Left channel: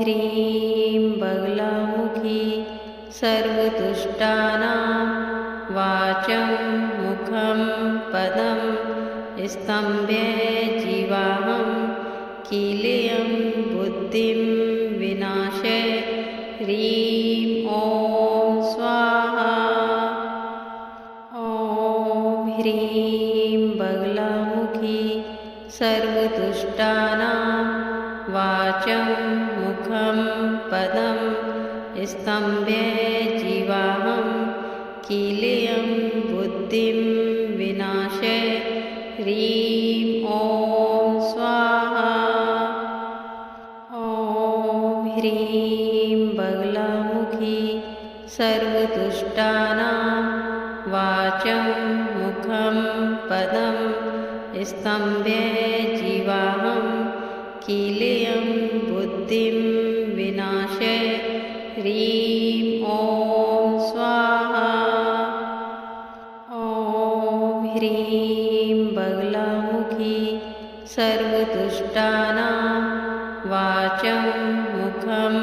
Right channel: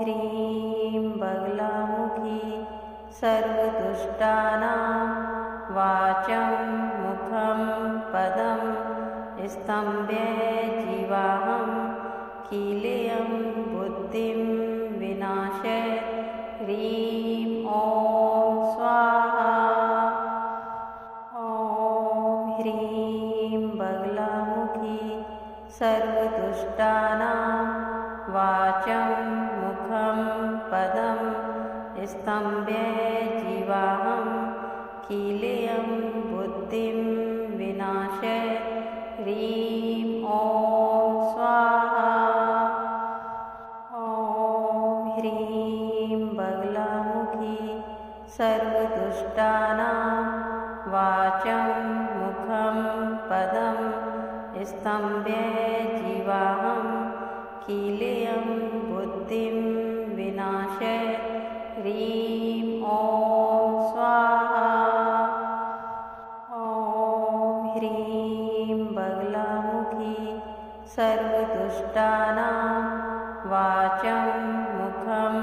ह्रीं बगलामुखी सर्वदुष्टानां वाचं मुखं पदं स्तम्भे जीवाहं कीलेयं बुद्धिं विनाशे ह्रीं ॐ स्वाहा। ॐ ह्रीं बगलामुखी सर्वदुष्टानां वाचं मुखं पदं स्तम्भे जीवाहं कीलेयं बुद्धिं विनाशे ह्रीं ॐ स्वाहा। ॐ ह्रीं बगलामुखी सर्वदुष्टानां वाचं मुखं पदं स्तम्भे जीवाहं कीलेयं बुद्धिं विनाशे ह्रीं ॐ स्वाहा। ॐ ह्रीं बगलामुखी सर्वदुष्टानां वाचं मुखं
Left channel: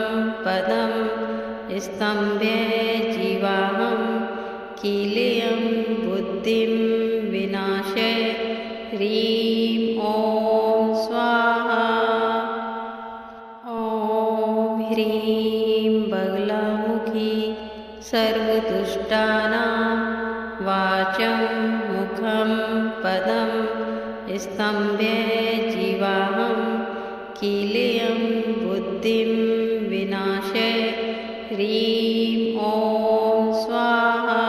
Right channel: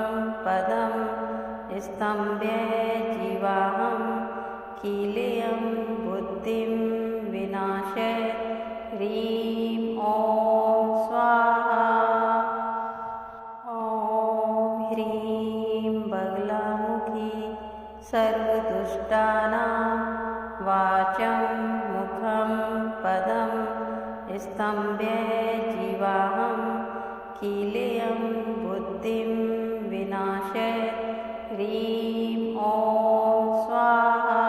पदं स्तम्भे जीवाहं कीलेयं बुद्धिं विनाशे ह्रीं ॐ स्वाहा। ॐ ह्रीं बगलामुखी सर्वदुष्टानां वाचं मुखं पदं स्तम्भे जीवाहं कीलेयं बुद्धिं विनाशे ह्रीं ॐ स्वाहा।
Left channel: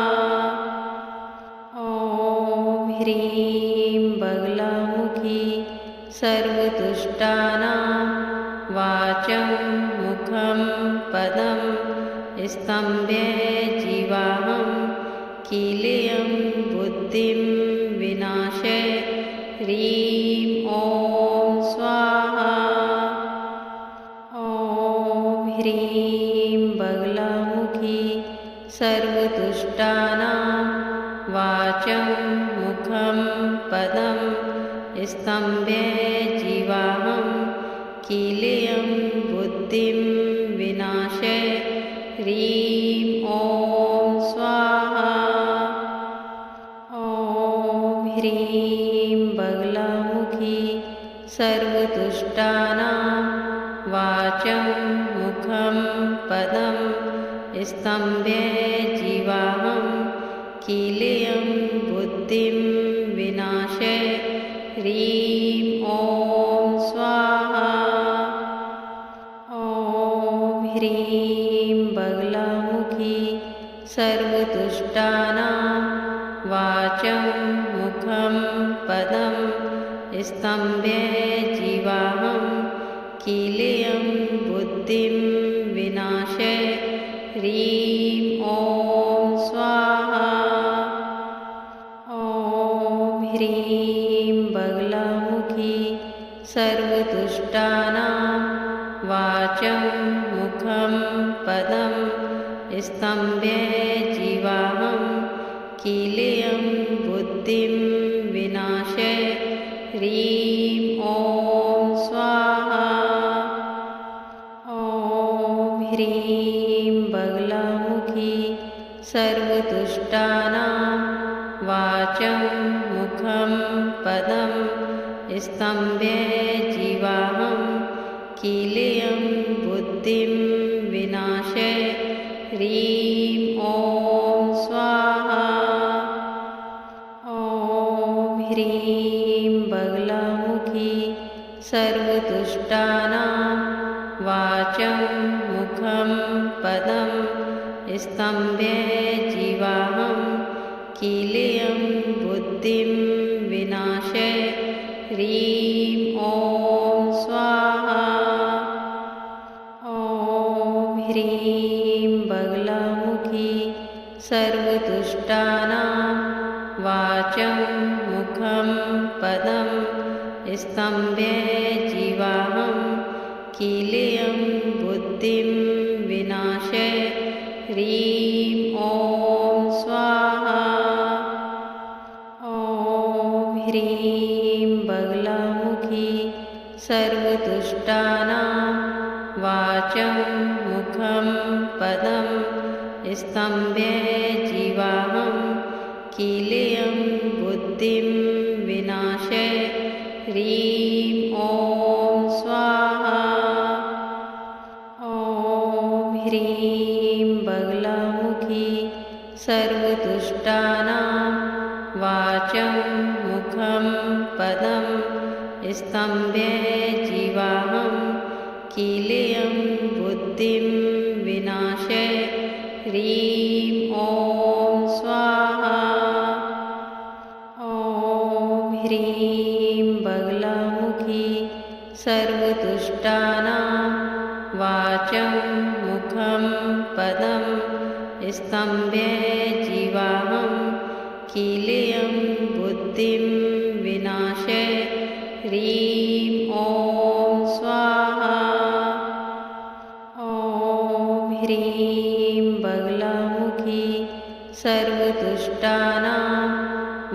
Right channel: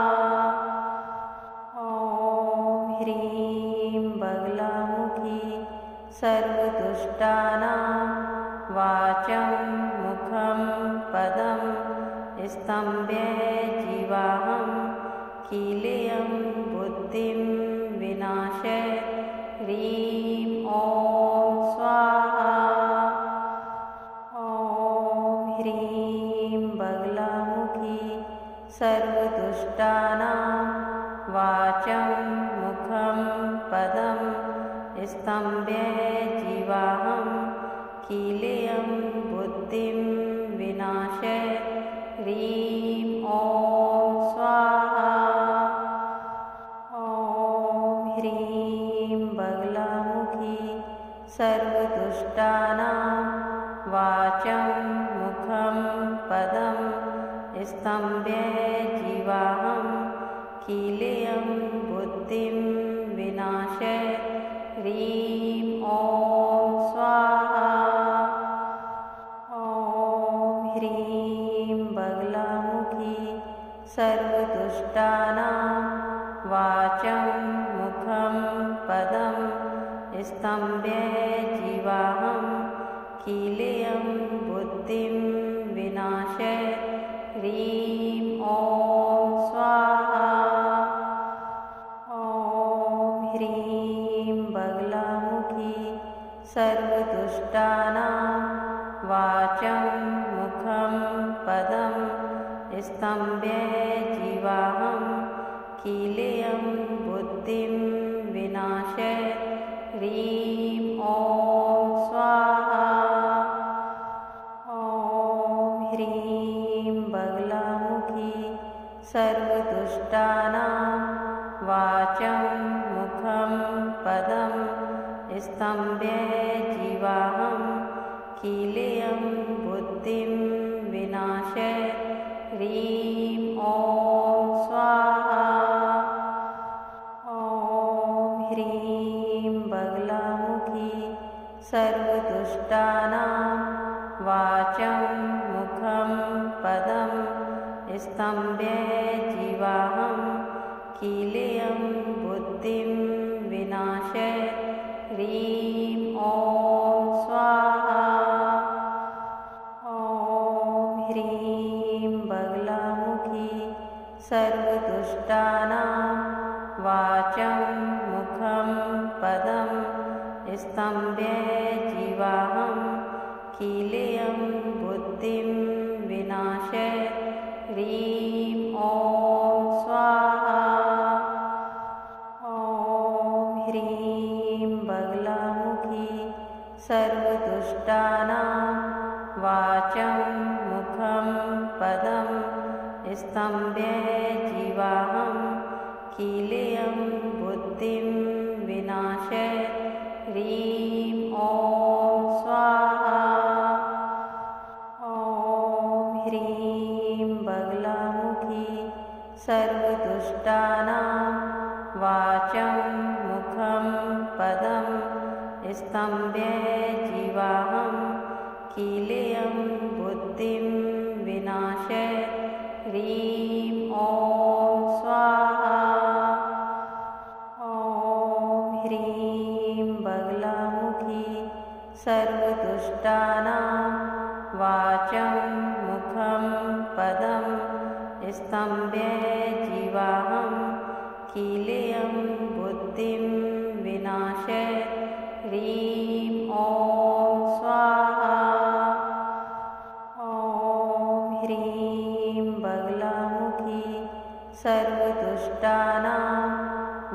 ॐ ह्रीं बगलामुखी सर्वदुष्टानां वाचं मुखं पदं स्तम्भे जीवाहं कीलेयं बुद्धिं विनाशे ह्रीं ॐ स्वाहा। ॐ ह्रीं बगलामुखी सर्वदुष्टानां वाचं मुखं पदं स्तम्भे जीवाहं कीलेयं बुद्धिं विनाशे ह्रीं ॐ स्वाहा। ॐ ह्रीं बगलामुखी सर्वदुष्टानां वाचं मुखं पदं स्तम्भे जीवाहं कीलेयं बुद्धिं विनाशे ह्रीं ॐ स्वाहा। ॐ ह्रीं बगलामुखी सर्वदुष्टानां वाचं मुखं पदं स्तम्भे जीवाहं कीलेयं बुद्धिं विनाशे ह्रीं ॐ स्वाहा। ॐ ह्रीं बगलामुखी सर्वदुष्टानां वाचं मुखं पदं स्तम्भे जीवाहं कीलेयं बुद्धिं विनाशे ह्रीं ॐ स्वाहा। ॐ ह्रीं बगलामुखी सर्वदुष्टानां वाचं मुखं पदं स्तम्भे जीवाहं कीलेयं बुद्धिं विनाशे ह्रीं ॐ स्वाहा। ॐ ह्रीं बगलामुखी सर्वदुष्टानां वाचं मुखं पदं स्तम्भे जीवाहं कीलेयं बुद्धिं विनाशे ह्रीं ॐ स्वाहा। ॐ ह्रीं बगलामुखी सर्वदुष्टानां वाचं मुखं पदं स्तम्भे जीवाहं कीलेयं बुद्धिं विनाशे ह्रीं ॐ स्वाहा। ॐ ह्रीं बगलामुखी सर्वदुष्टानां वाचं स्तम्भे जीवाहं कीलेयं बुद्धिं विनाशे ह्रीं ॐ स्वाहा। ॐ ह्रीं बगलामुखी सर्वदुष्टानां वाचं मुखं पदं स्तम्भे जीवाहं कीलेयं बुद्धिं विनाशे ह्रीं ॐ स्वाहा। ॐ ह्रीं बगलामुखी सर्वदुष्टानां वाचं मुखं पदं स्तम्भे जीवाहं कीलेयं बुद्धिं विनाशे ह्रीं ॐ स्वाहा। ॐ ह्रीं बगलामुखी सर्वदुष्टानां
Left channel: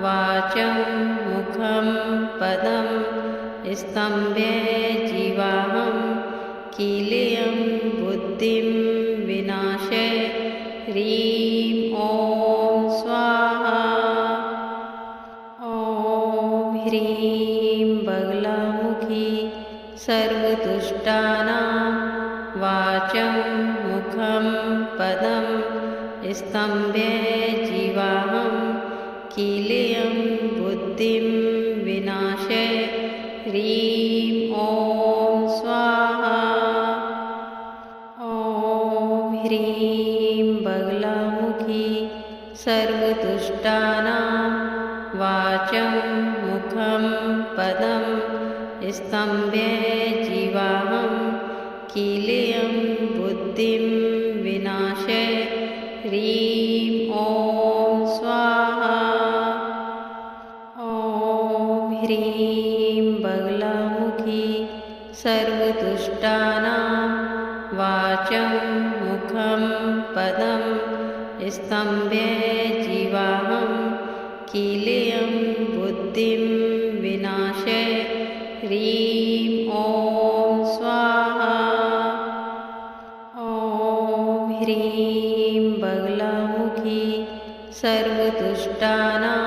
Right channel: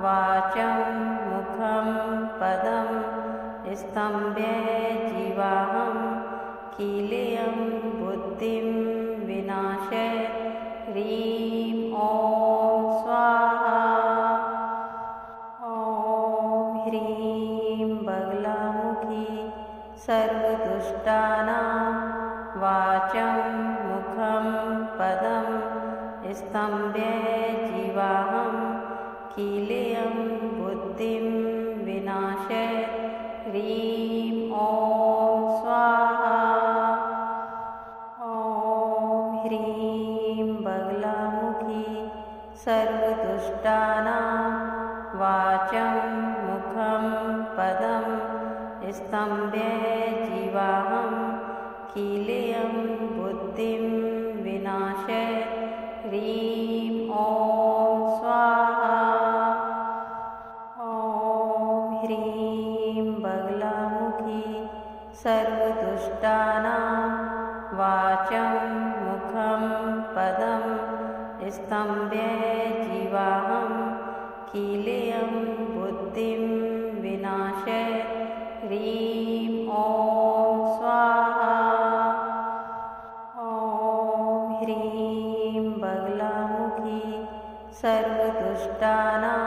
वाचं मुखं पदं स्तम्भे जीवाहं कीलेयं बुद्धिं विनाशे ह्रीं ॐ स्वाहा। ॐ ह्रीं बगलामुखी सर्वदुष्टानां वाचं मुखं पदं स्तम्भे जीवाहं कीलेयं बुद्धिं विनाशे ह्रीं ॐ स्वाहा। ॐ ह्रीं बगलामुखी सर्वदुष्टानां वाचं मुखं पदं स्तम्भे जीवाहं कीलेयं बुद्धिं विनाशे ह्रीं ॐ स्वाहा। ॐ ह्रीं बगलामुखी सर्वदुष्टानां वाचं मुखं पदं स्तम्भे जीवाहं कीलेयं बुद्धिं विनाशे ह्रीं ॐ स्वाहा। ॐ ह्रीं बगलामुखी सर्वदुष्टानां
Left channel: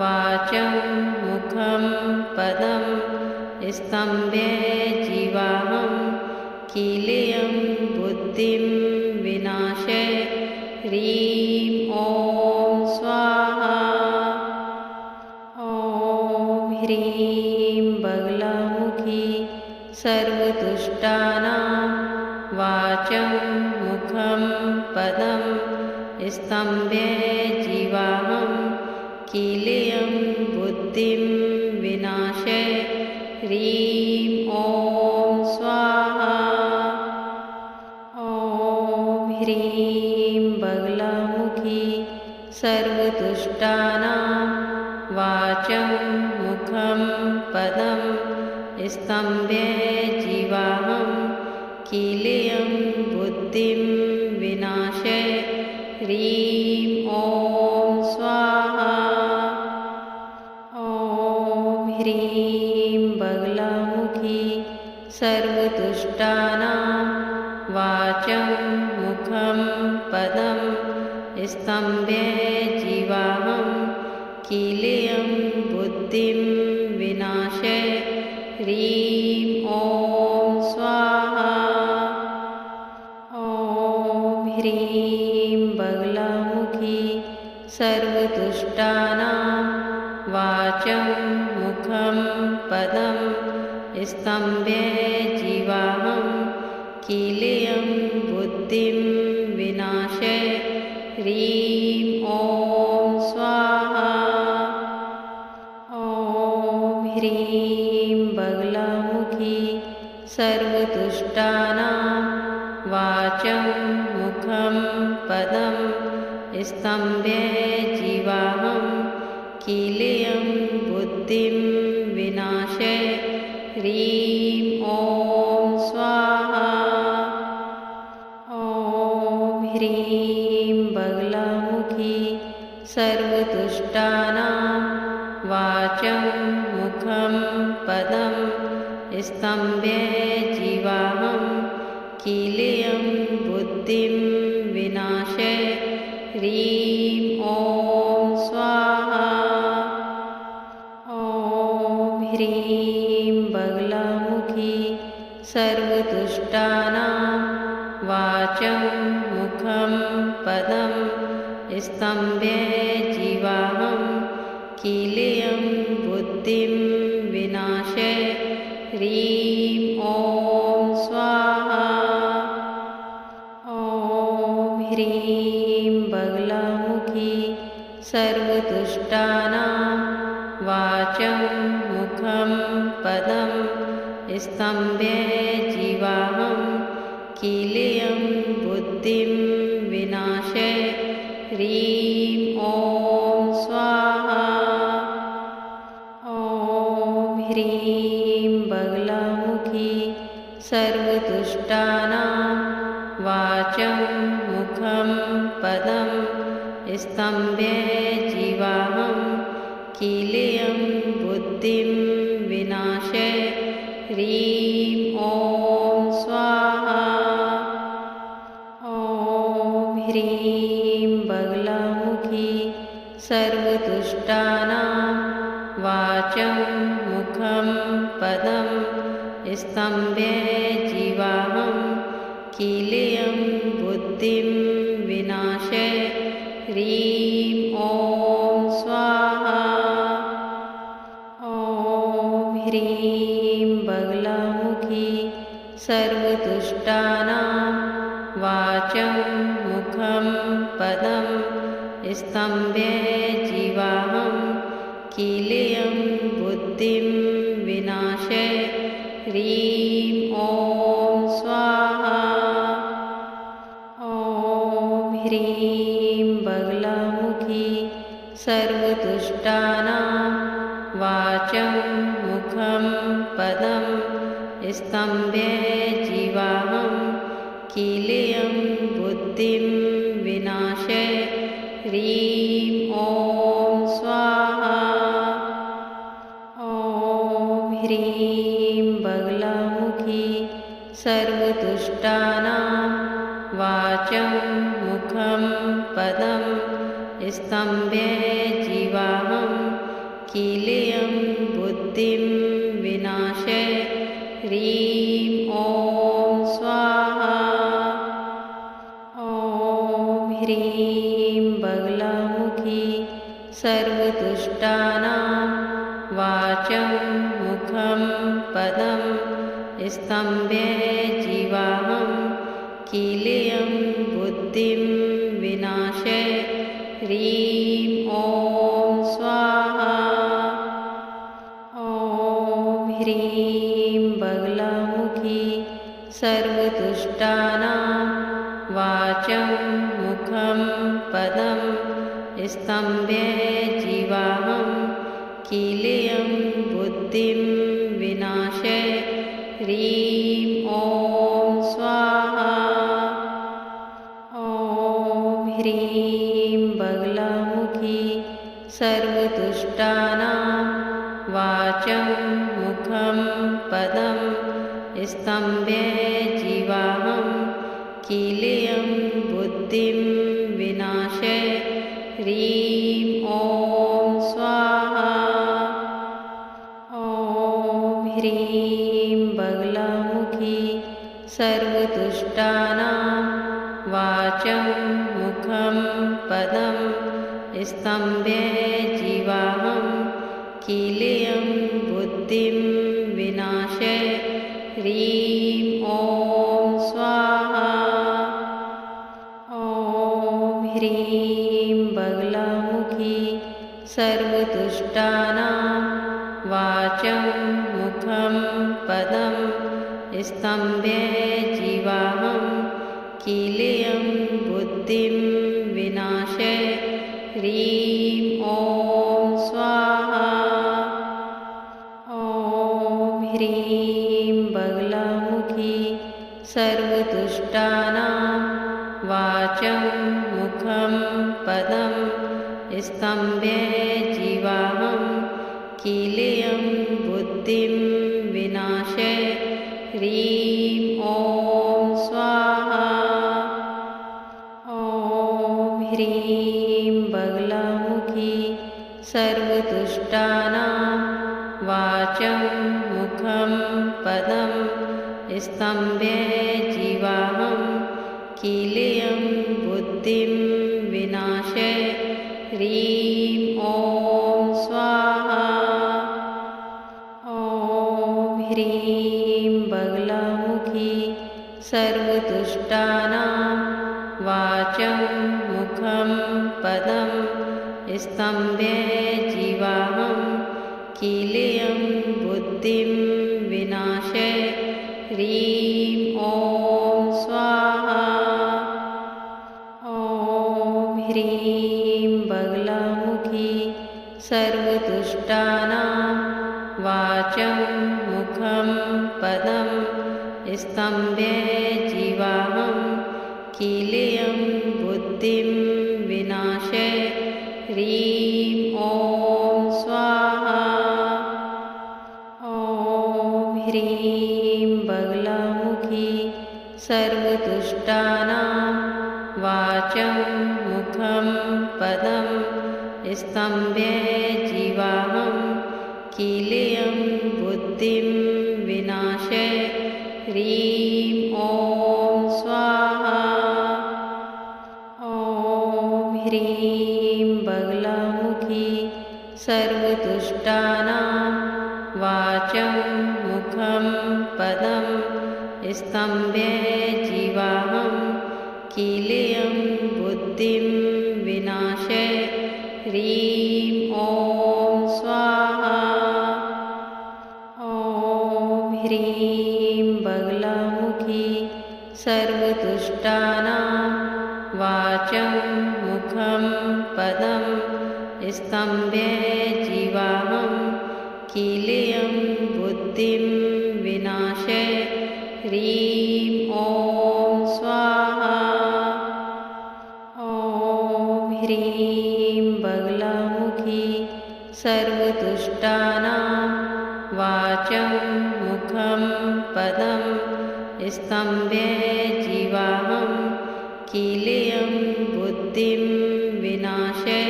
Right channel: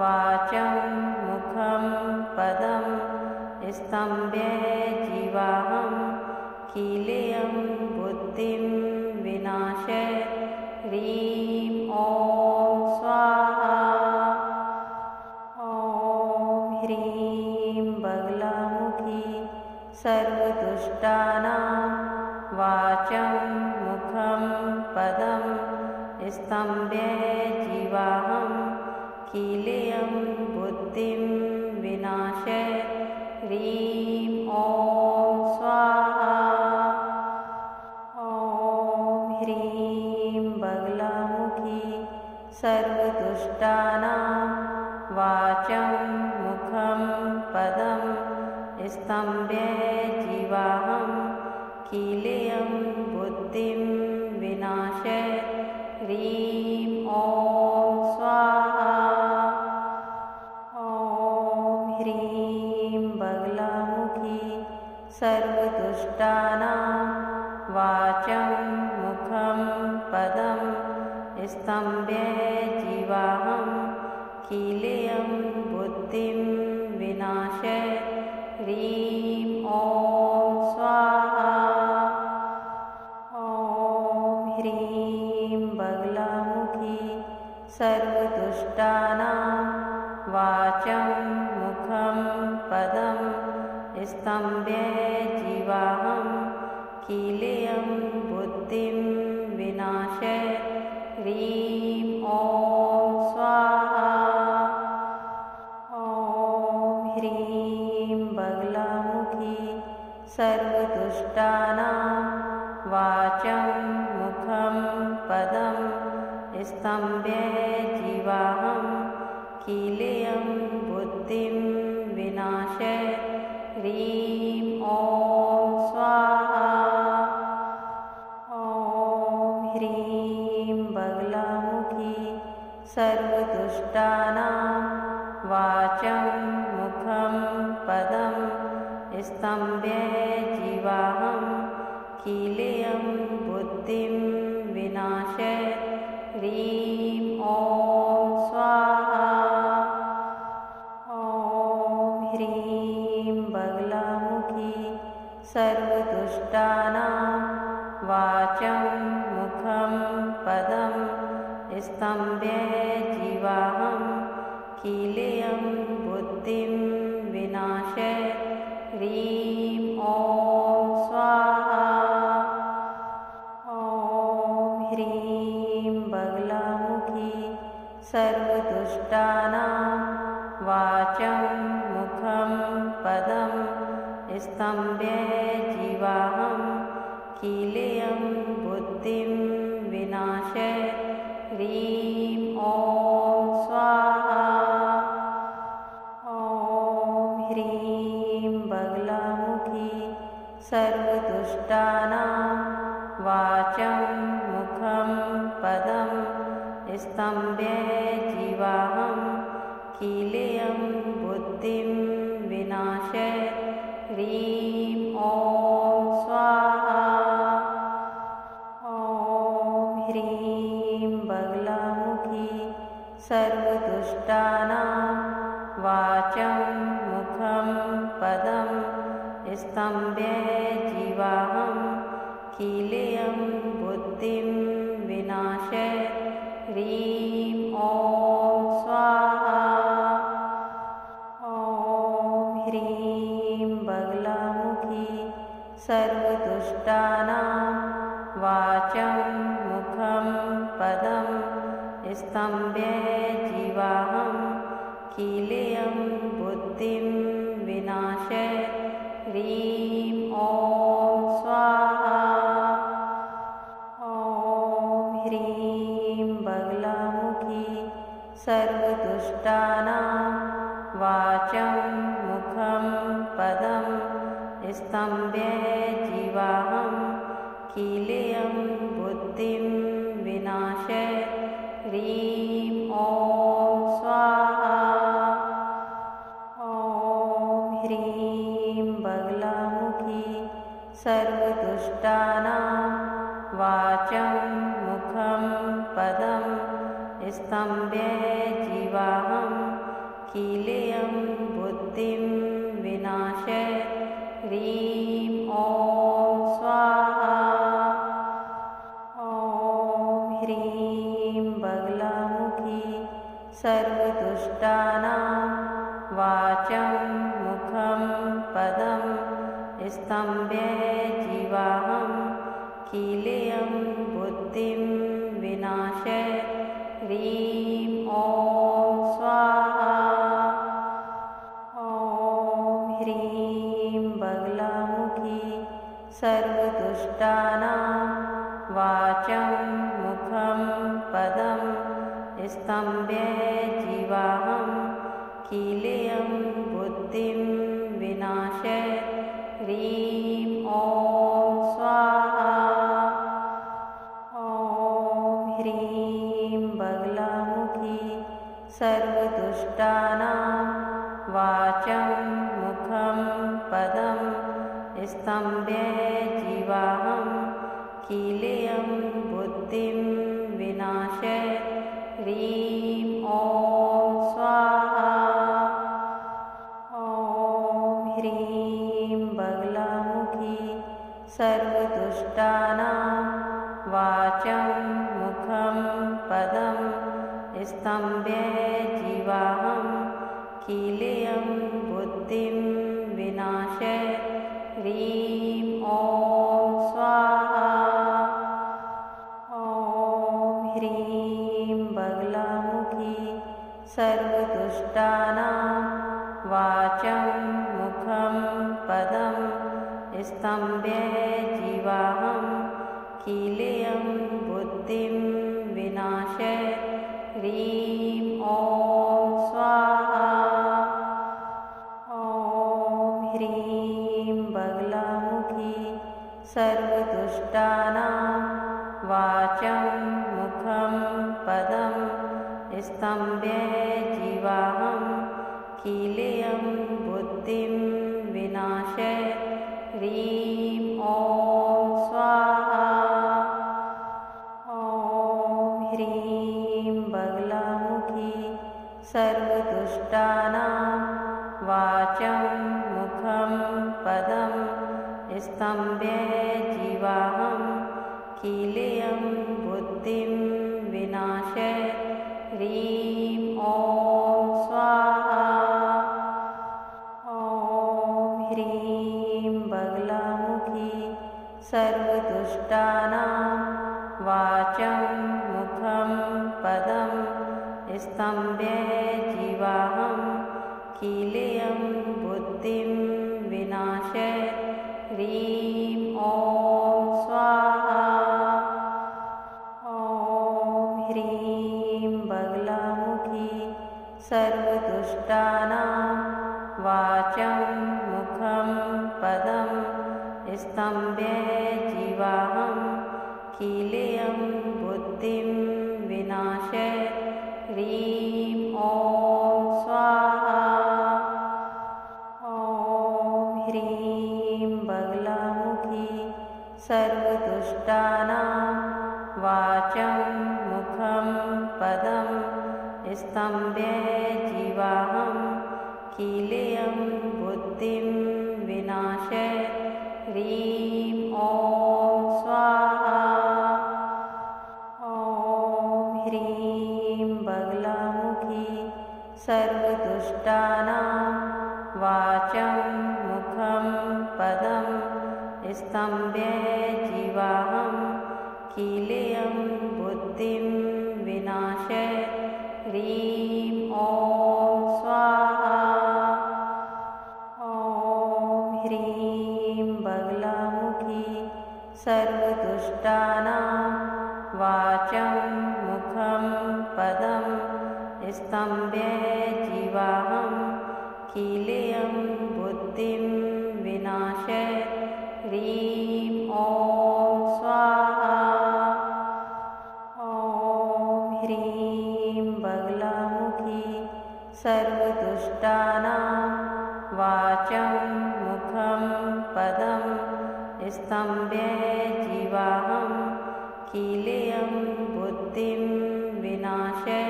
वाचं मुखं पदं स्तम्भे जीवाहं कीलेयं बुद्धिं विनाशे ह्रीं ॐ स्वाहा। ॐ ह्रीं बगलामुखी सर्वदुष्टानां वाचं मुखं पदं स्तम्भे जीवाहं कीलेयं बुद्धिं विनाशे ह्रीं ॐ स्वाहा। ॐ ह्रीं बगलामुखी सर्वदुष्टानां वाचं मुखं पदं स्तम्भे जीवाहं कीलेयं बुद्धिं विनाशे ह्रीं ॐ स्वाहा। ॐ ह्रीं बगलामुखी सर्वदुष्टानां वाचं मुखं पदं स्तम्भे जीवाहं कीलेयं बुद्धिं विनाशे ह्रीं ॐ स्वाहा। ॐ ह्रीं बगलामुखी सर्वदुष्टानां वाचं मुखं पदं स्तम्भे जीवाहं कीलेयं बुद्धिं विनाशे ह्रीं ॐ स्वाहा। ॐ ह्रीं बगलामुखी सर्वदुष्टानां वाचं मुखं पदं स्तम्भे जीवाहं कीलेयं बुद्धिं विनाशे ह्रीं ॐ स्वाहा। ॐ ह्रीं बगलामुखी सर्वदुष्टानां वाचं मुखं पदं स्तम्भे जीवाहं कीलेयं बुद्धिं विनाशे सर्वदुष्टानां वाचं मुखं पदं स्तम्भे जीवाहं किलेयं बुद्धिं विनाशे ह्रीं ॐ स्वाहा। ॐ ह्रीं बगलामुखी सर्वदुष्टानां वाचं मुखं पदं स्तम्भे जीवाहं किलेयं बुद्धिं विनाशे ह्रीं ॐ स्वाहा। ॐ ह्रीं बगलामुखी सर्वदुष्टानां वाचं मुखं पदं स्तम्भे जीवाहं किलेयं बुद्धिं विनाशे ह्रीं ॐ स्वाहा। ॐ ह्रीं बगलामुखी सर्वदुष्टानां वाचं मुखं पदं स्तम्भे जीवाहं किलेयं बुद्धिं विनाशे ह्रीं ॐ स्वाहा। ॐ ह्रीं बगलामुखी सर्वदुष्टानां वाचं मुखं पदं स्तम्भे जीवाहं किलेयं बुद्धिं विनाशे ह्रीं ॐ स्वाहा। ॐ ह्रीं बगलामुखी सर्वदुष्टानां वाचं मुखं पदं स्तम्भे जीवाहं किलेयं बुद्धिं विनाशे ह्रीं ॐ स्वाहा। ॐ ह्रीं बगलामुखी सर्वदुष्टानां वाचं मुखं पदं स्तम्भे जीवाहं किलेयं बुद्धिं विनाशे ह्रीं ॐ स्वाहा। ॐ ह्रीं बगलामुखी सर्वदुष्टानां वाचं मुखं पदं स्तम्भे जीवाहं किलेयं बुद्धिं विनाशे ह्रीं ॐ स्वाहा। ॐ ह्रीं बगलामुखी सर्वदुष्टानां वाचं मुखं पदं स्तम्भे जीवाहं किलेयं बुद्धिं विनाशे ह्रीं ॐ स्वाहा। ॐ ह्रीं बगलामुखी सर्वदुष्टानां वाचं मुखं पदं स्तम्भे जीवाहं किलेयं बुद्धिं विनाशे ह्रीं ॐ स्वाहा। ॐ ह्रीं बगलामुखी सर्वदुष्टानां वाचं मुखं पदं स्तम्भे जीवाहं किलेयं बुद्धिं विनाशे ह्रीं ॐ स्वाहा। ॐ ह्रीं बगलामुखी सर्वदुष्टानां वाचं मुखं पदं स्तम्भे जीवाहं किलेयं बुद्धिं विनाशे ह्रीं ॐ स्वाहा। ॐ ह्रीं बगलामुखी सर्वदुष्टानां वाचं मुखं पदं स्तम्भे जीवाहं किलेयं बुद्धिं विनाशे ह्रीं ॐ स्वाहा। ॐ ह्रीं बगलामुखी सर्वदुष्टानां वाचं मुखं पदं स्तम्भे जीवाहं कीलेयं बुद्धिं विनाशे ह्रीं ॐ स्वाहा। ॐ ह्रीं बगलामुखी सर्वदुष्टानां वाचं मुखं पदं स्तम्भे जीवाहं कीलेयं बुद्धिं विनाशे ह्रीं ॐ स्वाहा। ॐ ह्रीं बगलामुखी सर्वदुष्टानां वाचं मुखं पदं स्तम्भे जीवाहं कीलेयं बुद्धिं विनाशे ह्रीं ॐ स्वाहा। ॐ ह्रीं बगलामुखी सर्वदुष्टानां वाचं मुखं पदं स्तम्भे जीवाहं कीलेयं बुद्धिं विनाशे ह्रीं ॐ स्वाहा। ॐ ह्रीं बगलामुखी सर्वदुष्टानां वाचं मुखं पदं स्तम्भे जीवाहं कीलेयं बुद्धिं विनाशे ह्रीं ॐ स्वाहा। ॐ ह्रीं बगलामुखी सर्वदुष्टानां वाचं मुखं पदं स्तम्भे जीवाहं कीलेयं बुद्धिं विनाशे ह्रीं ॐ स्वाहा। ॐ ह्रीं बगलामुखी सर्वदुष्टानां वाचं मुखं पदं स्तम्भे जीवाहं कीलेयं बुद्धिं विनाशे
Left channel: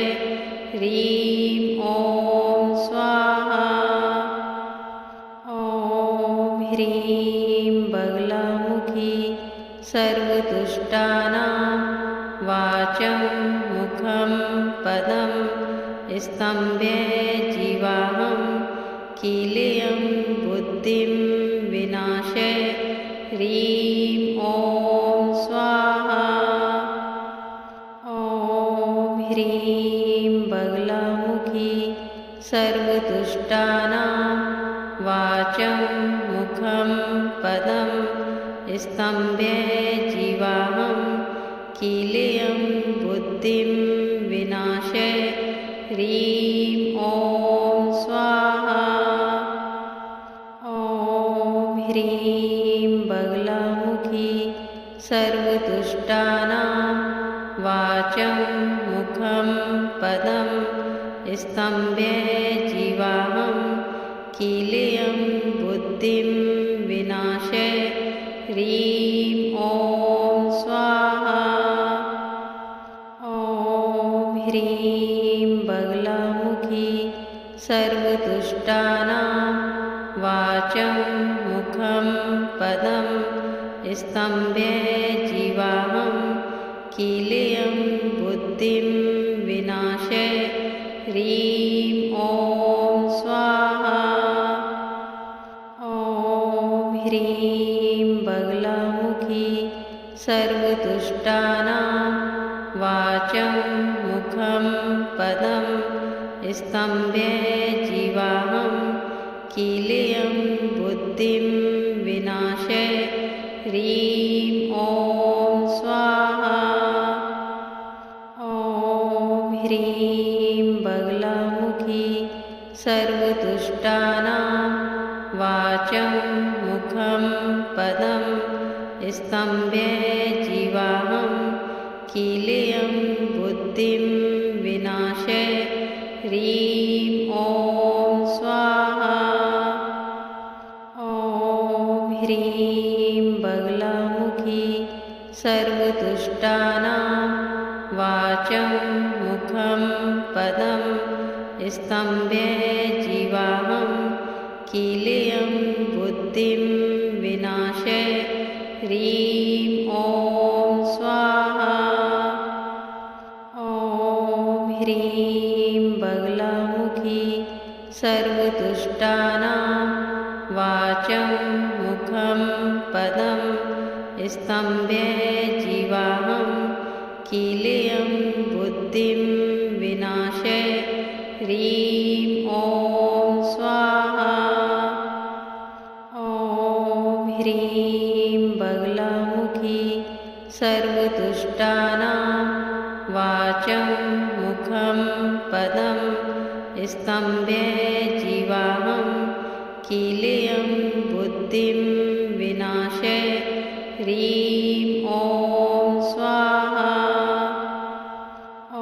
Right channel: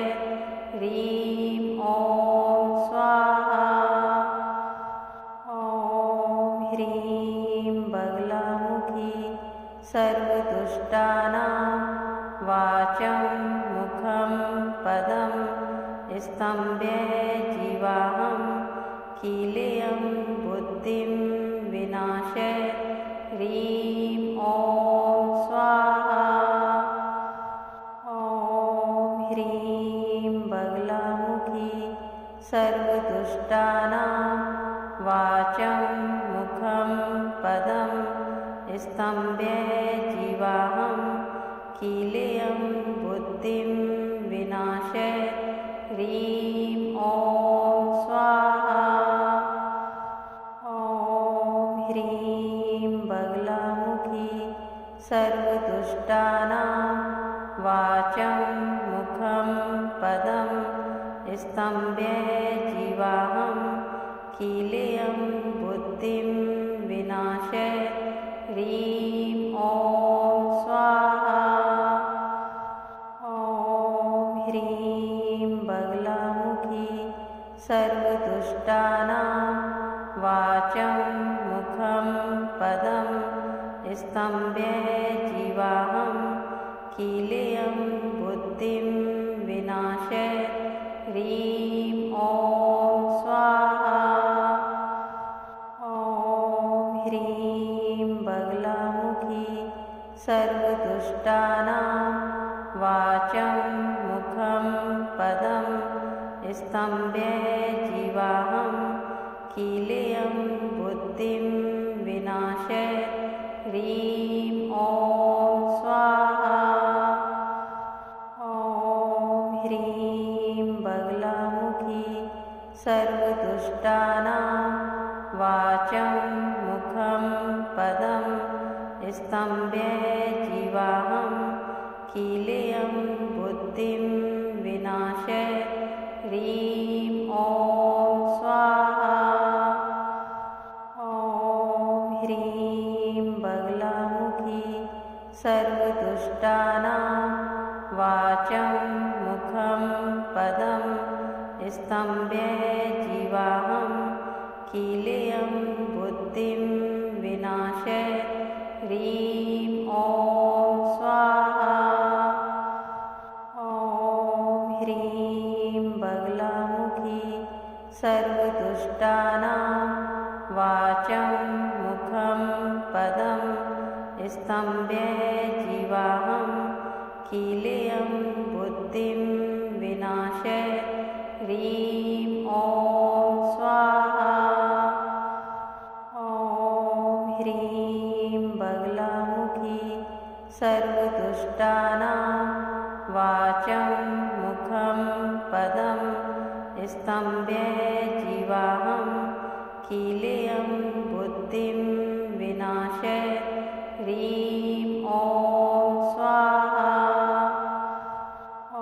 ह्रीं ॐ स्वाहा। ॐ ह्रीं बगलामुखी सर्वदुष्टानां वाचं मुखं पदं स्तम्भे जीवाहं कीलेयं बुद्धिं विनाशे ह्रीं ॐ स्वाहा। ॐ ह्रीं बगलामुखी सर्वदुष्टानां वाचं मुखं पदं स्तम्भे जीवाहं कीलेयं बुद्धिं विनाशे ह्रीं ॐ स्वाहा। ॐ ह्रीं बगलामुखी सर्वदुष्टानां वाचं मुखं पदं स्तम्भे जीवाहं कीलेयं बुद्धिं विनाशे ह्रीं ॐ स्वाहा। ॐ ह्रीं बगलामुखी सर्वदुष्टानां वाचं मुखं पदं स्तम्भे जीवाहं कीलेयं बुद्धिं विनाशे ह्रीं ॐ स्वाहा। ॐ ह्रीं बगलामुखी सर्वदुष्टानां वाचं मुखं पदं स्तम्भे जीवाहं कीलेयं बुद्धिं विनाशे ह्रीं ॐ स्वाहा। ॐ ह्रीं बगलामुखी सर्वदुष्टानां वाचं मुखं पदं स्तम्भे जीवाहं कीलेयं बुद्धिं विनाशे ह्रीं ॐ स्वाहा। ॐ ह्रीं बगलामुखी सर्वदुष्टानां वाचं मुखं पदं स्तम्भे जीवाहं कीलेयं बुद्धिं विनाशे ह्रीं ॐ स्वाहा। ॐ ह्रीं बगलामुखी सर्वदुष्टानां वाचं मुखं पदं स्तम्भे जीवाहं कीलयं बुद्धिं विनाशे ह्रीं ॐ स्वाहा। ॐ ह्रीं बगलामुखी सर्वदुष्टानां वाचं मुखं पदं स्तम्भे जीवाहं कीलयं बुद्धिं विनाशे ह्रीं ॐ स्वाहा। ॐ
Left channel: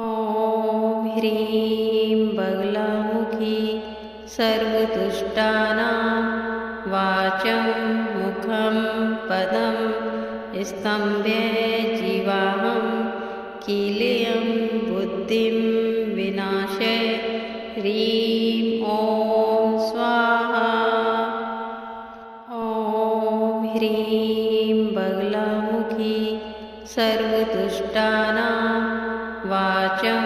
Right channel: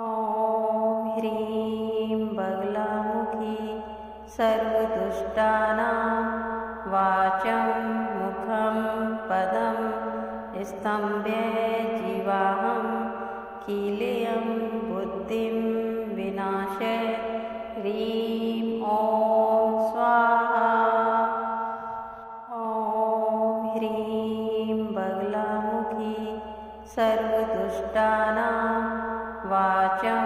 ह्रीं बगलामुखी सर्वदुष्टानां वाचं मुखं पदं स्तम्भे जीवाहं कीलयं बुद्धिं विनाशे ह्रीं ॐ स्वाहा। ॐ ह्रीं बगलामुखी सर्वदुष्टानां वाचं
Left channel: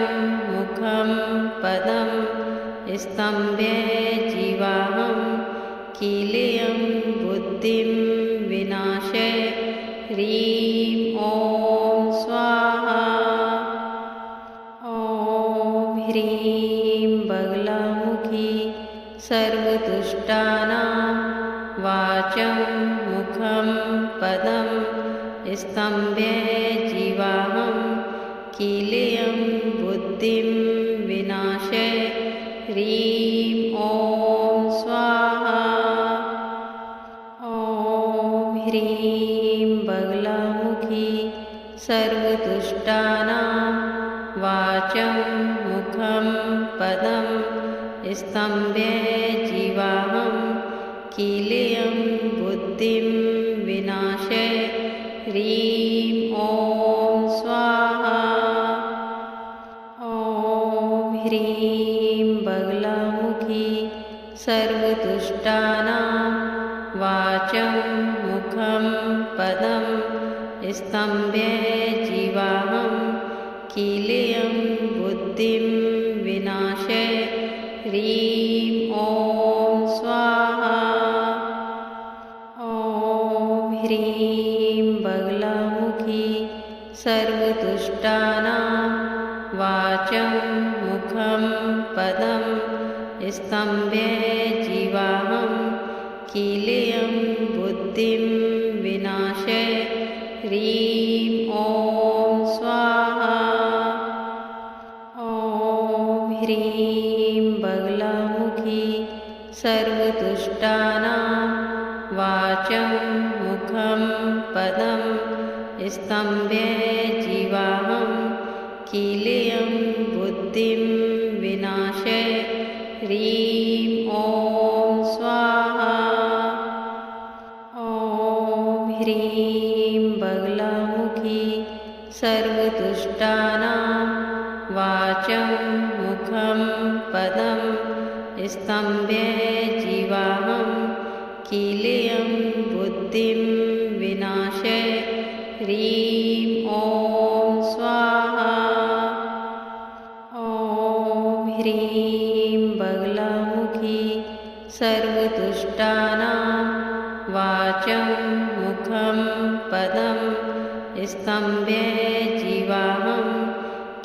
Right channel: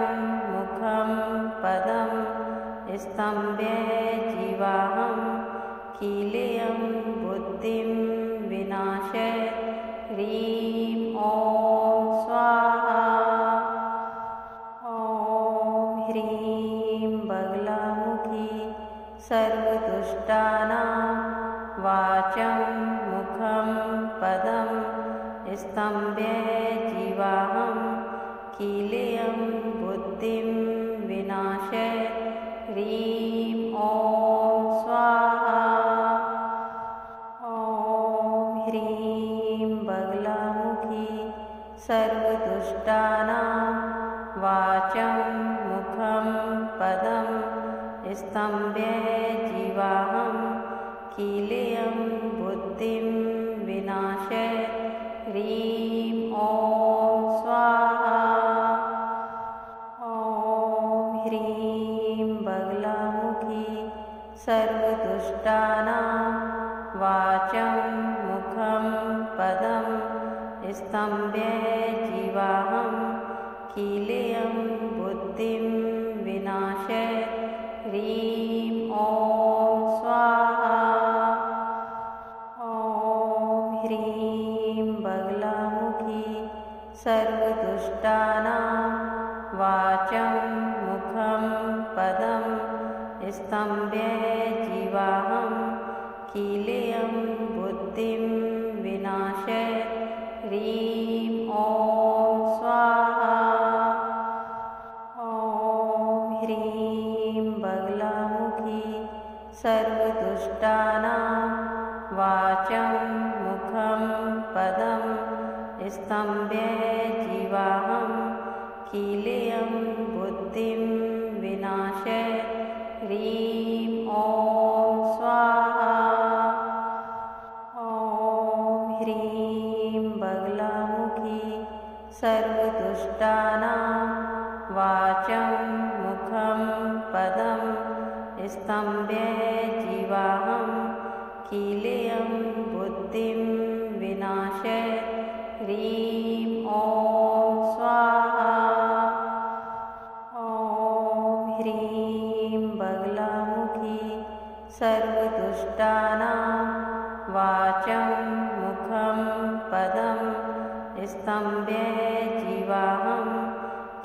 मुखं पदं स्तम्भे जीवाहं कीलयं बुद्धिं विनाशे ह्रीं ॐ स्वाहा। ॐ ह्रीं बगलामुखी सर्वदुष्टानां वाचं मुखं पदं स्तम्भे जीवाहं कीलयं बुद्धिं विनाशे ह्रीं ॐ स्वाहा। ॐ ह्रीं बगलामुखी सर्वदुष्टानां वाचं मुखं पदं स्तम्भे जीवाहं कीलयं बुद्धिं विनाशे ह्रीं ॐ स्वाहा। ॐ ह्रीं बगलामुखी सर्वदुष्टानां वाचं मुखं पदं स्तम्भे जीवाहं कीलयं बुद्धिं विनाशे ह्रीं ॐ स्वाहा। ॐ ह्रीं बगलामुखी सर्वदुष्टानां वाचं मुखं पदं स्तम्भे जीवाहं कीलयं बुद्धिं विनाशे ह्रीं ॐ स्वाहा। ॐ ह्रीं बगलामुखी सर्वदुष्टानां वाचं मुखं पदं स्तम्भे जीवाहं कीलयं बुद्धिं विनाशे ह्रीं ॐ स्वाहा। ॐ ह्रीं बगलामुखी सर्वदुष्टानां वाचं मुखं पदं स्तम्भे जीवाहं कीलयं बुद्धिं विनाशे ह्रीं ॐ स्वाहा। ॐ ह्रीं बगलामुखी सर्वदुष्टानां वाचं मुखं पदं स्तम्भे जीवाहं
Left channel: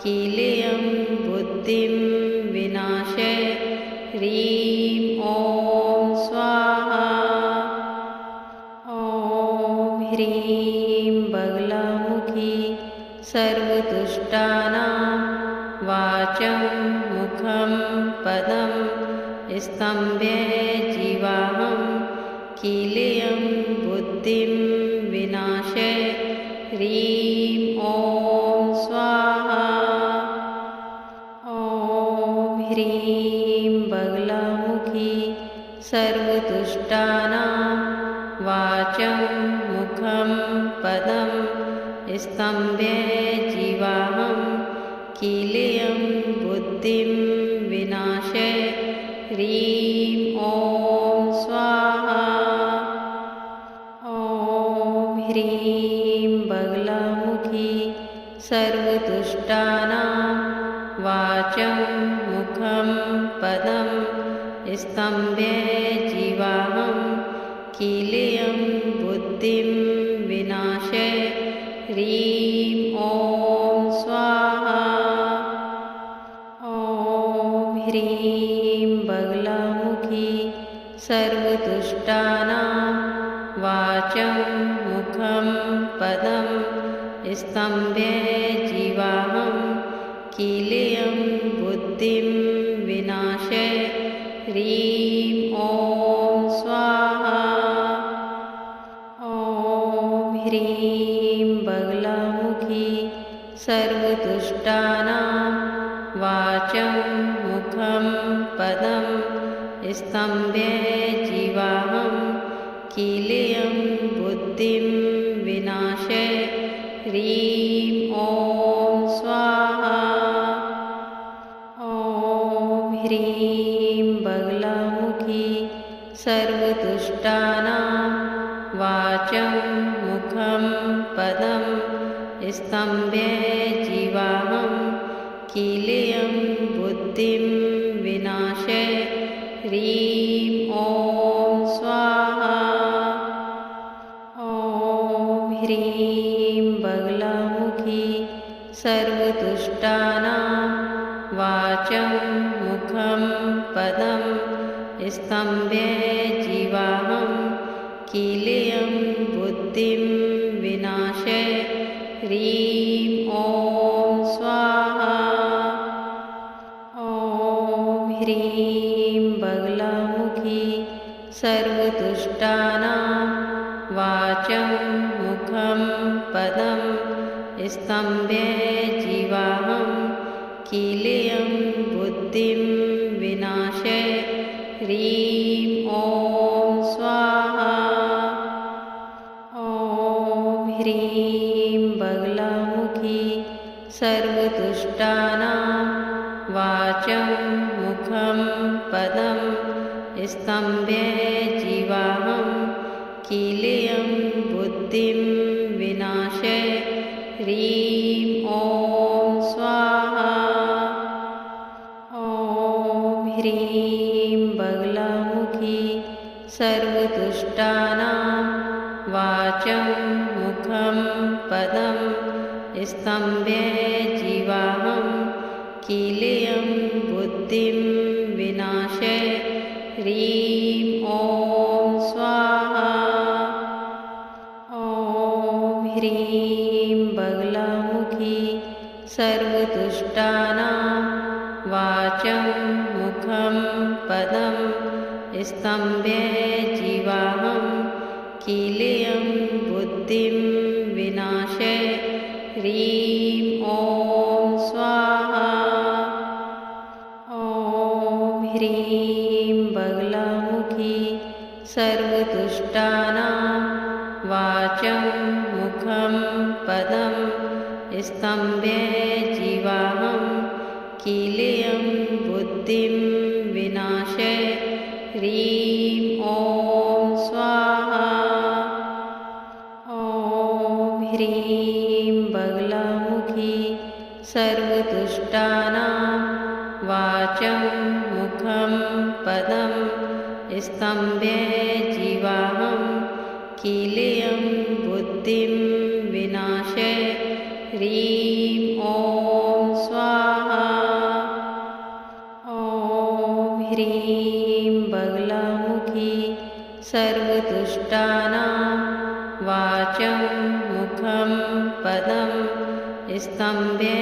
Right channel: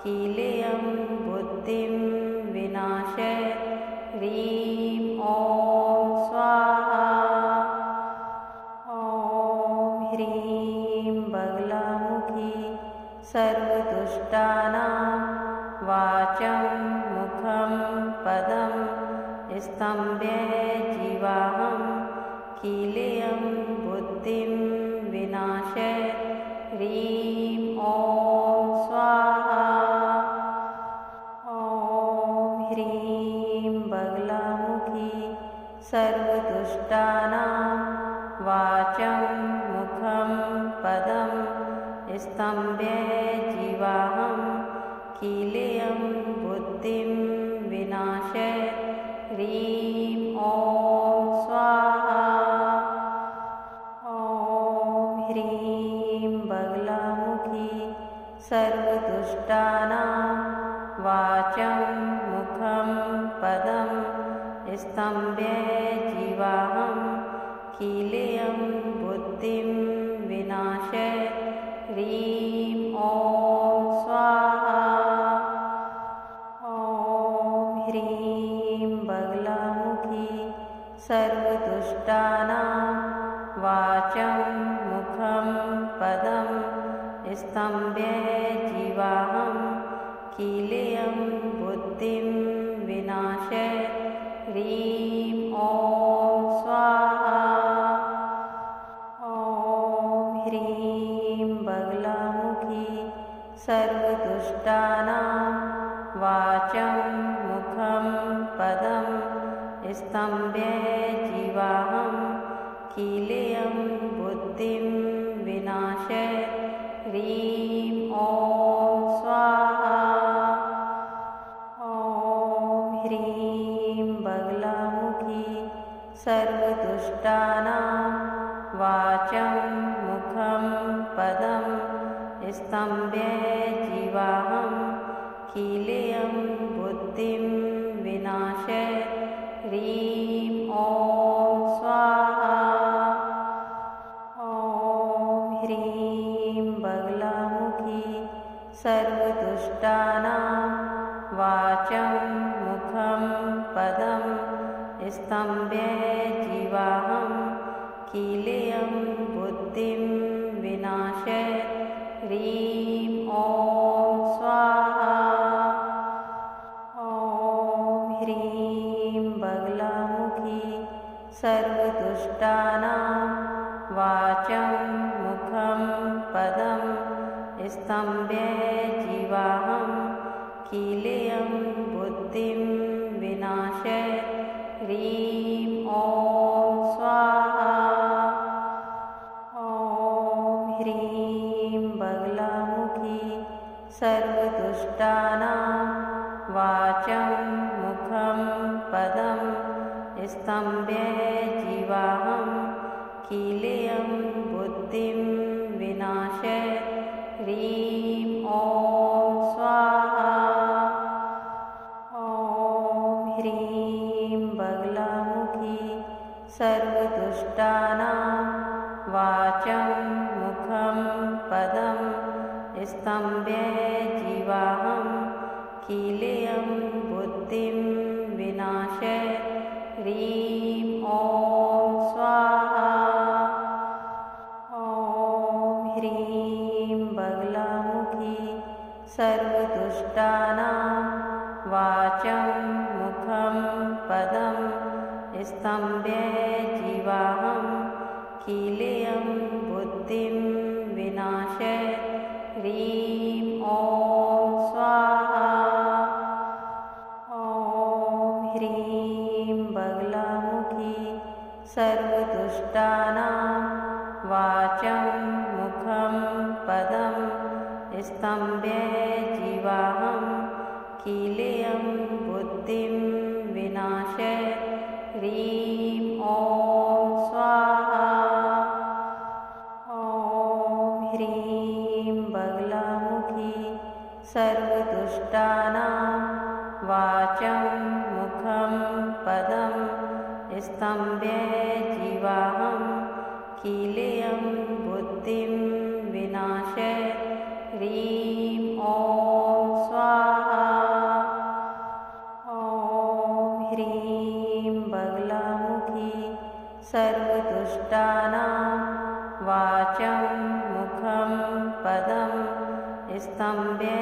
कीलयं बुद्धिं विनाशे ह्रीं ॐ स्वाहा। ॐ ह्रीं बगलामुखी सर्वदुष्टानां वाचं मुखं पदं स्तम्भे जीवाहं कीलयं बुद्धिं विनाशे ह्रीं ॐ स्वाहा। ॐ ह्रीं बगलामुखी सर्वदुष्टानां वाचं मुखं पदं स्तम्भे जीवाहं कीलयं बुद्धिं विनाशे ह्रीं ॐ स्वाहा। ॐ ह्रीं बगलामुखी सर्वदुष्टानां वाचं मुखं पदं स्तम्भे जीवाहं कीलेयं बुद्धिं विनाशे ह्रीं ॐ स्वाहा। ॐ ह्रीं बगलामुखी सर्वदुष्टानां वाचं मुखं पदं स्तम्भे जीवाहं कीलेयं बुद्धिं विनाशे ह्रीं ॐ स्वाहा। ॐ ह्रीं बगलामुखी सर्वदुष्टानां वाचं मुखं पदं स्तम्भे जीवाहं कीलेयं बुद्धिं विनाशे ह्रीं ॐ स्वाहा। ॐ ह्रीं बगलामुखी सर्वदुष्टानां वाचं मुखं पदं स्तम्भे जीवाहं कीलेयं बुद्धिं विनाशे ह्रीं ॐ स्वाहा। ॐ ह्रीं बगलामुखी सर्वदुष्टानां वाचं मुखं पदं स्तम्भे जीवाहं कीलेयं बुद्धिं विनाशे ह्रीं ॐ स्वाहा। ॐ ह्रीं बगलामुखी सर्वदुष्टानां वाचं मुखं पदं स्तम्भे जीवाहं कीलेयं बुद्धिं विनाशे ह्रीं ॐ स्वाहा। ॐ ह्रीं बगलामुखी सर्वदुष्टानां वाचं मुखं पदं स्तम्भे जीवाहं कीलेयं बुद्धिं विनाशे ह्रीं ॐ स्वाहा। ॐ ह्रीं बगलामुखी सर्वदुष्टानां वाचं मुखं पदं स्तम्भे जीवाहं कीलेयं बुद्धिं विनाशे ह्रीं ॐ स्वाहा। ॐ ह्रीं बगलामुखी सर्वदुष्टानां वाचं मुखं पदं स्तम्भे जीवाहं कीलेयं बुद्धिं विनाशे ह्रीं ॐ स्वाहा। ॐ ह्रीं बगलामुखी सर्वदुष्टानां वाचं मुखं पदं स्तम्भे जीवाहं कीलेयं बुद्धिं विनाशे ह्रीं ॐ स्वाहा। ॐ ह्रीं बगलामुखी सर्वदुष्टानां वाचं मुखं पदं स्तम्भे जीवाहं कीलेयं बुद्धिं विनाशे ह्रीं ॐ स्वाहा। ॐ ह्रीं बगलामुखी सर्वदुष्टानां वाचं मुखं पदं स्तम्भे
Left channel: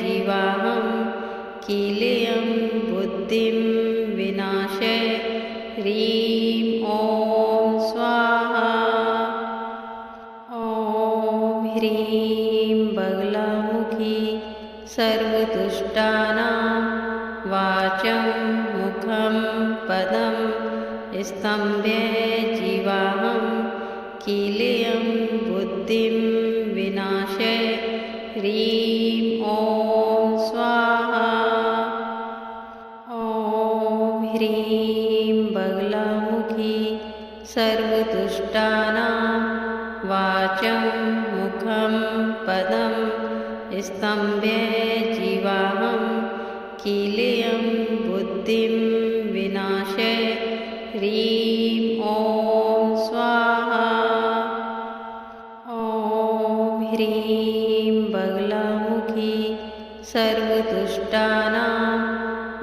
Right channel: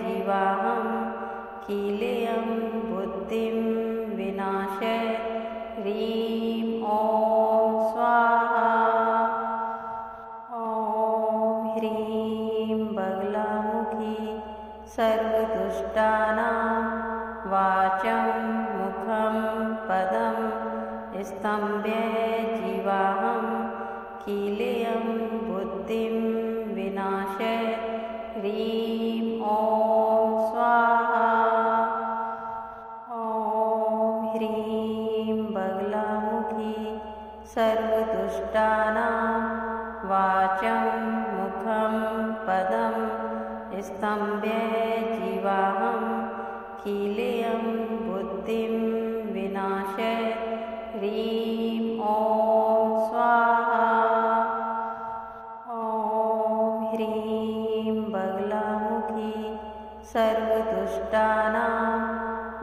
जीवाहं कीलेयं बुद्धिं विनाशे ह्रीं ॐ स्वाहा। ॐ ह्रीं बगलामुखी सर्वदुष्टानां वाचं मुखं पदं स्तम्भे जीवाहं कीलेयं बुद्धिं विनाशे ह्रीं ॐ स्वाहा। ॐ ह्रीं बगलामुखी सर्वदुष्टानां वाचं मुखं पदं स्तम्भे जीवाहं कीलेयं बुद्धिं विनाशे ह्रीं ॐ स्वाहा। ॐ ह्रीं बगलामुखी सर्वदुष्टानां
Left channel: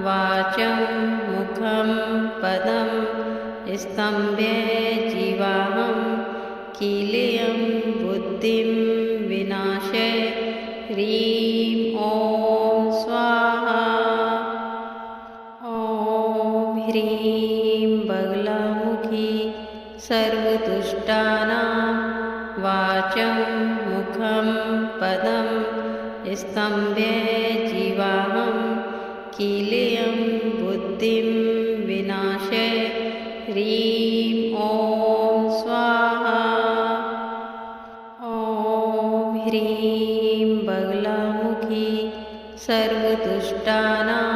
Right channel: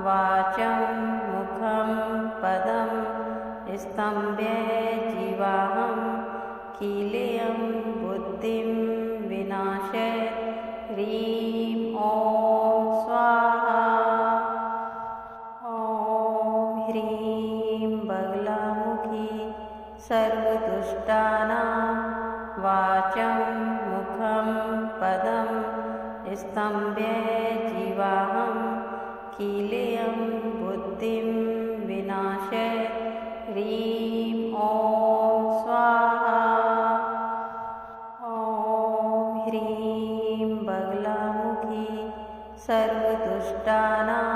वाचं मुखं पदं स्तम्भे जीवाहं कीलेयं बुद्धिं विनाशे ह्रीं ॐ स्वाहा। ॐ ह्रीं बगलामुखी सर्वदुष्टानां वाचं मुखं पदं स्तम्भे जीवाहं कीलेयं बुद्धिं विनाशे ह्रीं ॐ स्वाहा। ॐ ह्रीं बगलामुखी सर्वदुष्टानां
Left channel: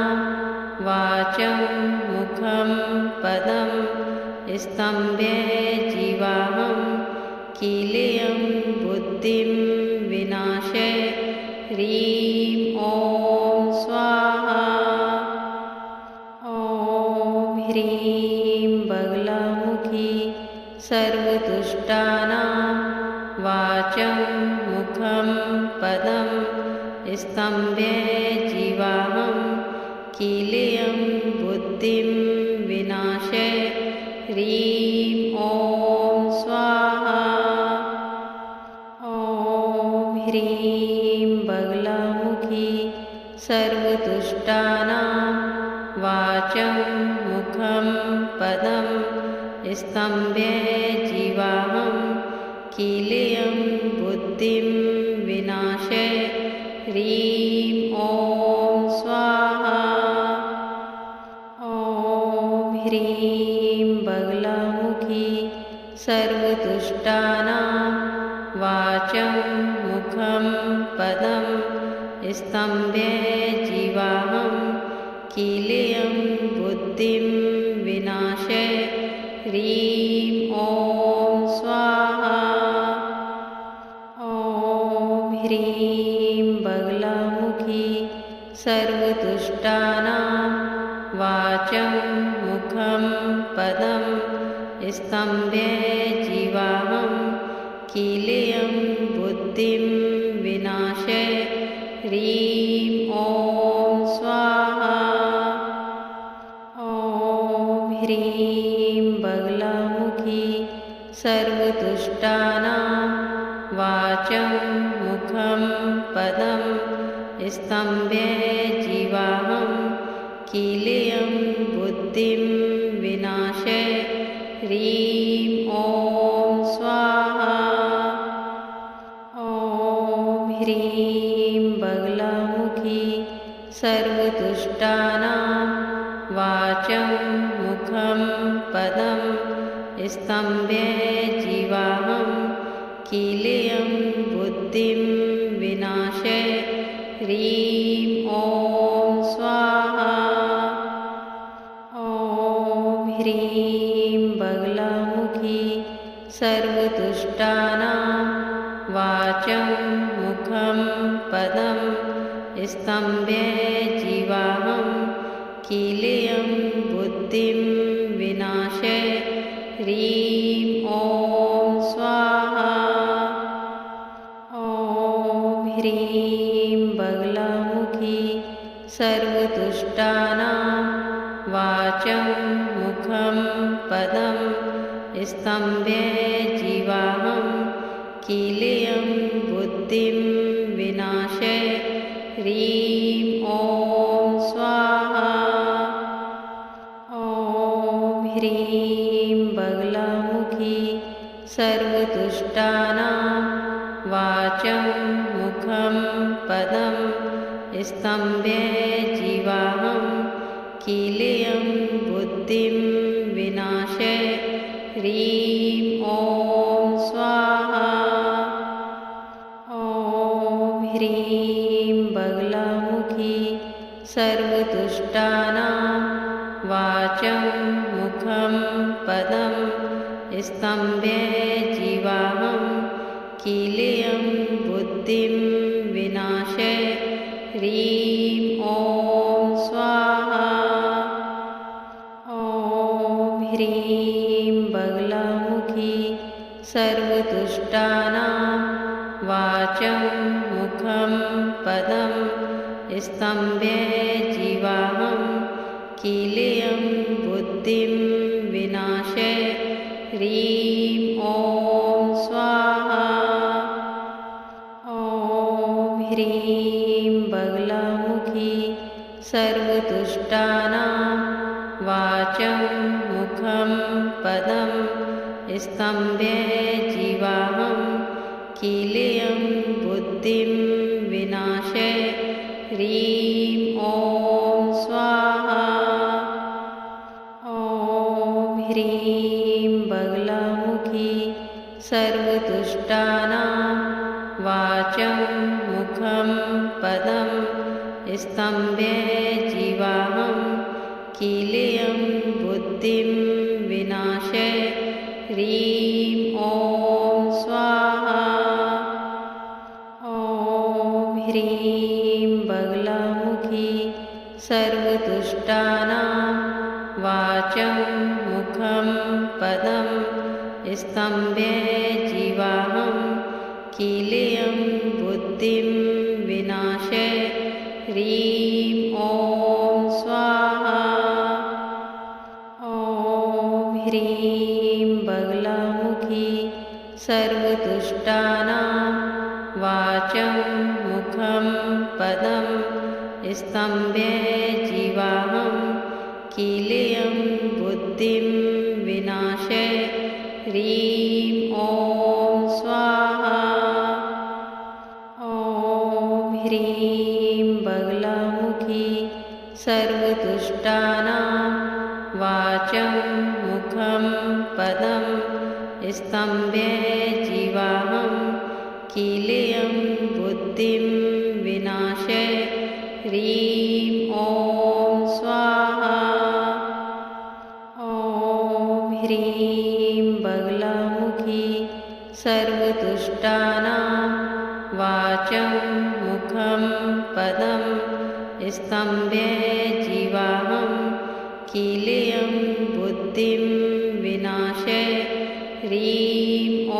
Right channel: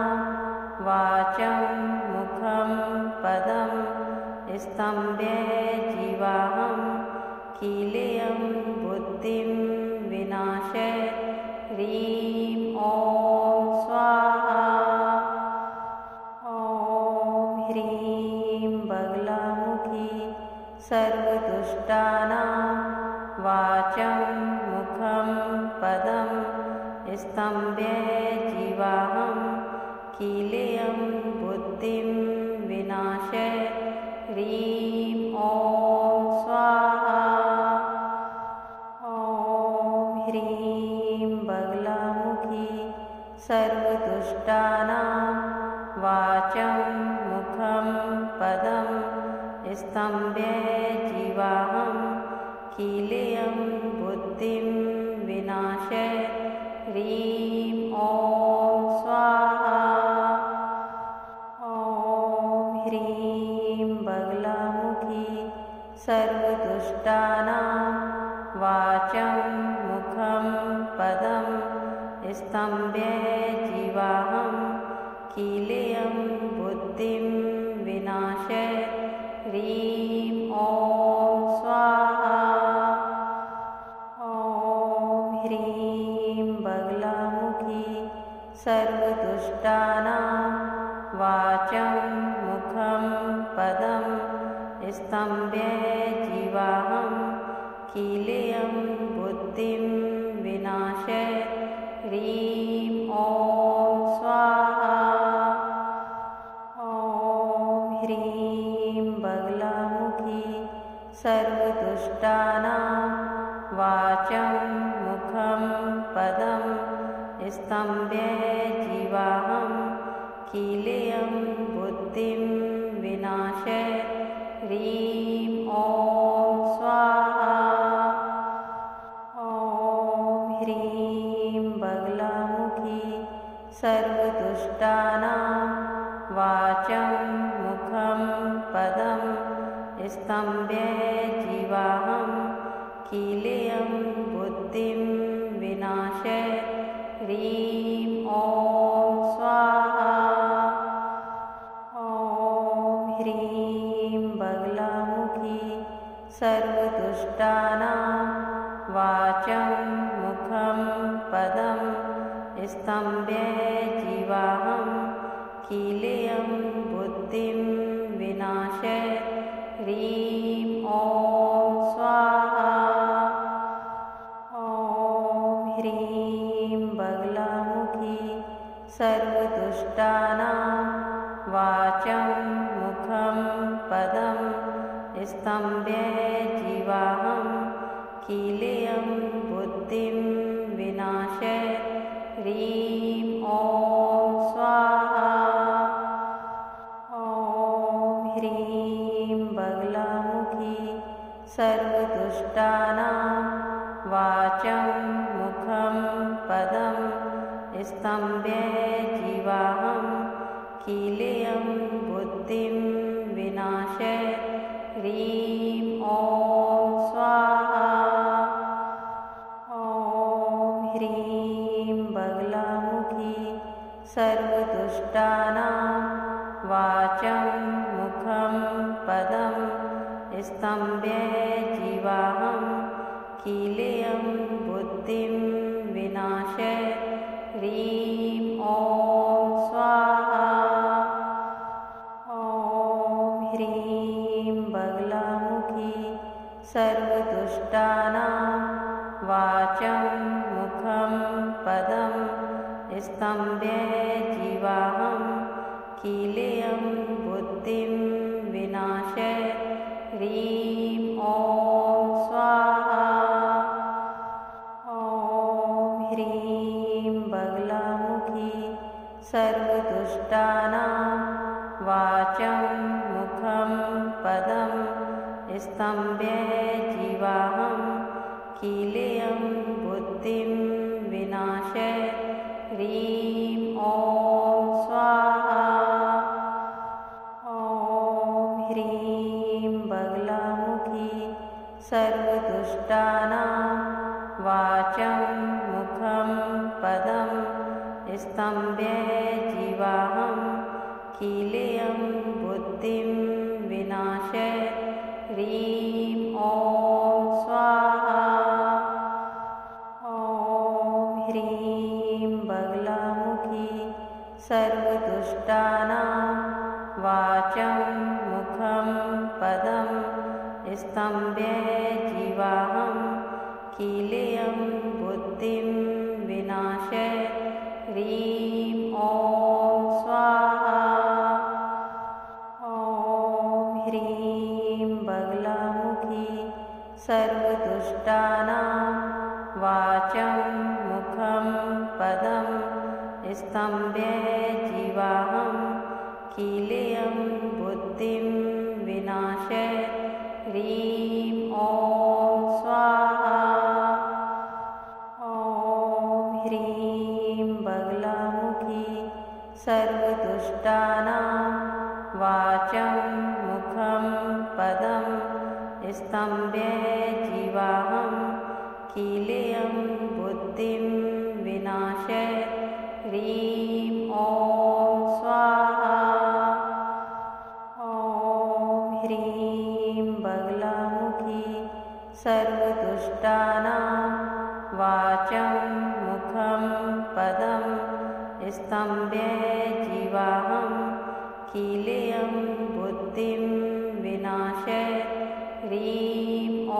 वाचं मुखं पदं स्तम्भे जीवाहं कीलेयं बुद्धिं विनाशे ह्रीं ॐ स्वाहा। ॐ ह्रीं बगलामुखी सर्वदुष्टानां वाचं मुखं पदं स्तम्भे जीवाहं कीलेयं बुद्धिं विनाशे ह्रीं ॐ स्वाहा। ॐ ह्रीं बगलामुखी सर्वदुष्टानां वाचं मुखं पदं स्तम्भे जीवाहं कीलेयं बुद्धिं विनाशे ह्रीं ॐ स्वाहा। ॐ ह्रीं बगलामुखी सर्वदुष्टानां वाचं मुखं पदं स्तम्भे जीवाहं कीलेयं बुद्धिं विनाशे ह्रीं ॐ स्वाहा। ॐ ह्रीं बगलामुखी सर्वदुष्टानां वाचं मुखं पदं स्तम्भे जीवाहं कीलेयं बुद्धिं विनाशे ह्रीं ॐ स्वाहा। ॐ ह्रीं बगलामुखी सर्वदुष्टानां वाचं मुखं पदं स्तम्भे जीवाहं कीलेयं बुद्धिं विनाशे ह्रीं ॐ स्वाहा। ॐ ह्रीं बगलामुखी सर्वदुष्टानां वाचं मुखं पदं स्तम्भे जीवाहं कीलेयं बुद्धिं विनाशे ह्रीं ॐ स्वाहा। ॐ ह्रीं बगलामुखी सर्वदुष्टानां वाचं मुखं पदं स्तम्भे जीवाहं कीलेयं बुद्धिं विनाशे ह्रीं ॐ स्वाहा। ॐ ह्रीं बगलामुखी सर्वदुष्टानां वाचं मुखं पदं स्तम्भे जीवाहं कीलेयं बुद्धिं विनाशे ह्रीं ॐ स्वाहा। ॐ ह्रीं बगलामुखी सर्वदुष्टानां वाचं मुखं पदं स्तम्भे जीवाहं कीलेयं बुद्धिं विनाशे ह्रीं ॐ स्वाहा। ॐ ह्रीं बगलामुखी सर्वदुष्टानां वाचं मुखं पदं स्तम्भे जीवाहं कीलेयं बुद्धिं विनाशय ह्रीं ॐ स्वाहा। ॐ ह्रीं बगलामुखी सर्वदुष्टानां वाचं मुखं पदं स्तम्भे जीवाहं कीलेयं बुद्धिं विनाशय ह्रीं ॐ स्वाहा। ॐ ह्रीं बगलामुखी सर्वदुष्टानां वाचं मुखं पदं स्तम्भे जीवाहं कीलेयं बुद्धिं विनाशय ह्रीं ॐ स्वाहा। ॐ ह्रीं बगलामुखी सर्वदुष्टानां वाचं मुखं पदं स्तम्भे जीवाहं कीलेयं बुद्धिं विनाशय ह्रीं ॐ स्वाहा। ॐ ह्रीं बगलामुखी सर्वदुष्टानां वाचं मुखं पदं स्तम्भे जीवाहं कीलेयं बुद्धिं विनाशय ह्रीं ॐ स्वाहा। ॐ ह्रीं बगलामुखी सर्वदुष्टानां वाचं मुखं पदं स्तम्भे जीवाहं कीलेयं बुद्धिं विनाशय ह्रीं ॐ स्वाहा। ॐ ह्रीं बगलामुखी सर्वदुष्टानां वाचं मुखं पदं स्तम्भे जीवाहं कीलेयं बुद्धिं विनाशय ह्रीं ॐ स्वाहा। ॐ ह्रीं बगलामुखी सर्वदुष्टानां वाचं मुखं पदं स्तम्भे जीवाहं कीलेयं बुद्धिं विनाशय ह्रीं ॐ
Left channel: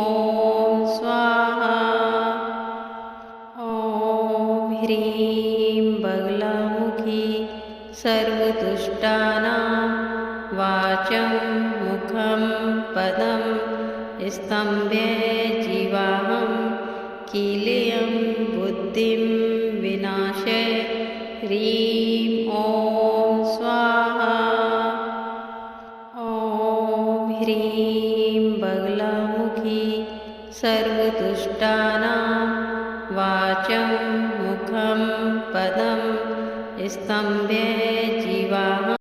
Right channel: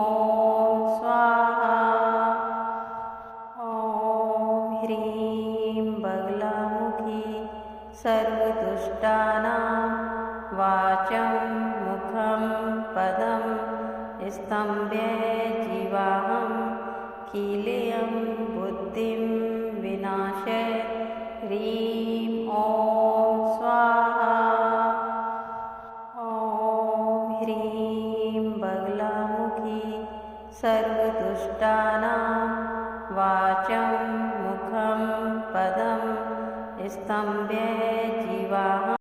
स्वाहा। ॐ ह्रीं बगलामुखी सर्वदुष्टानां वाचं मुखं पदं स्तम्भे जीवाहं कीलेयं बुद्धिं विनाशय ह्रीं ॐ स्वाहा। ॐ ह्रीं बगलामुखी सर्व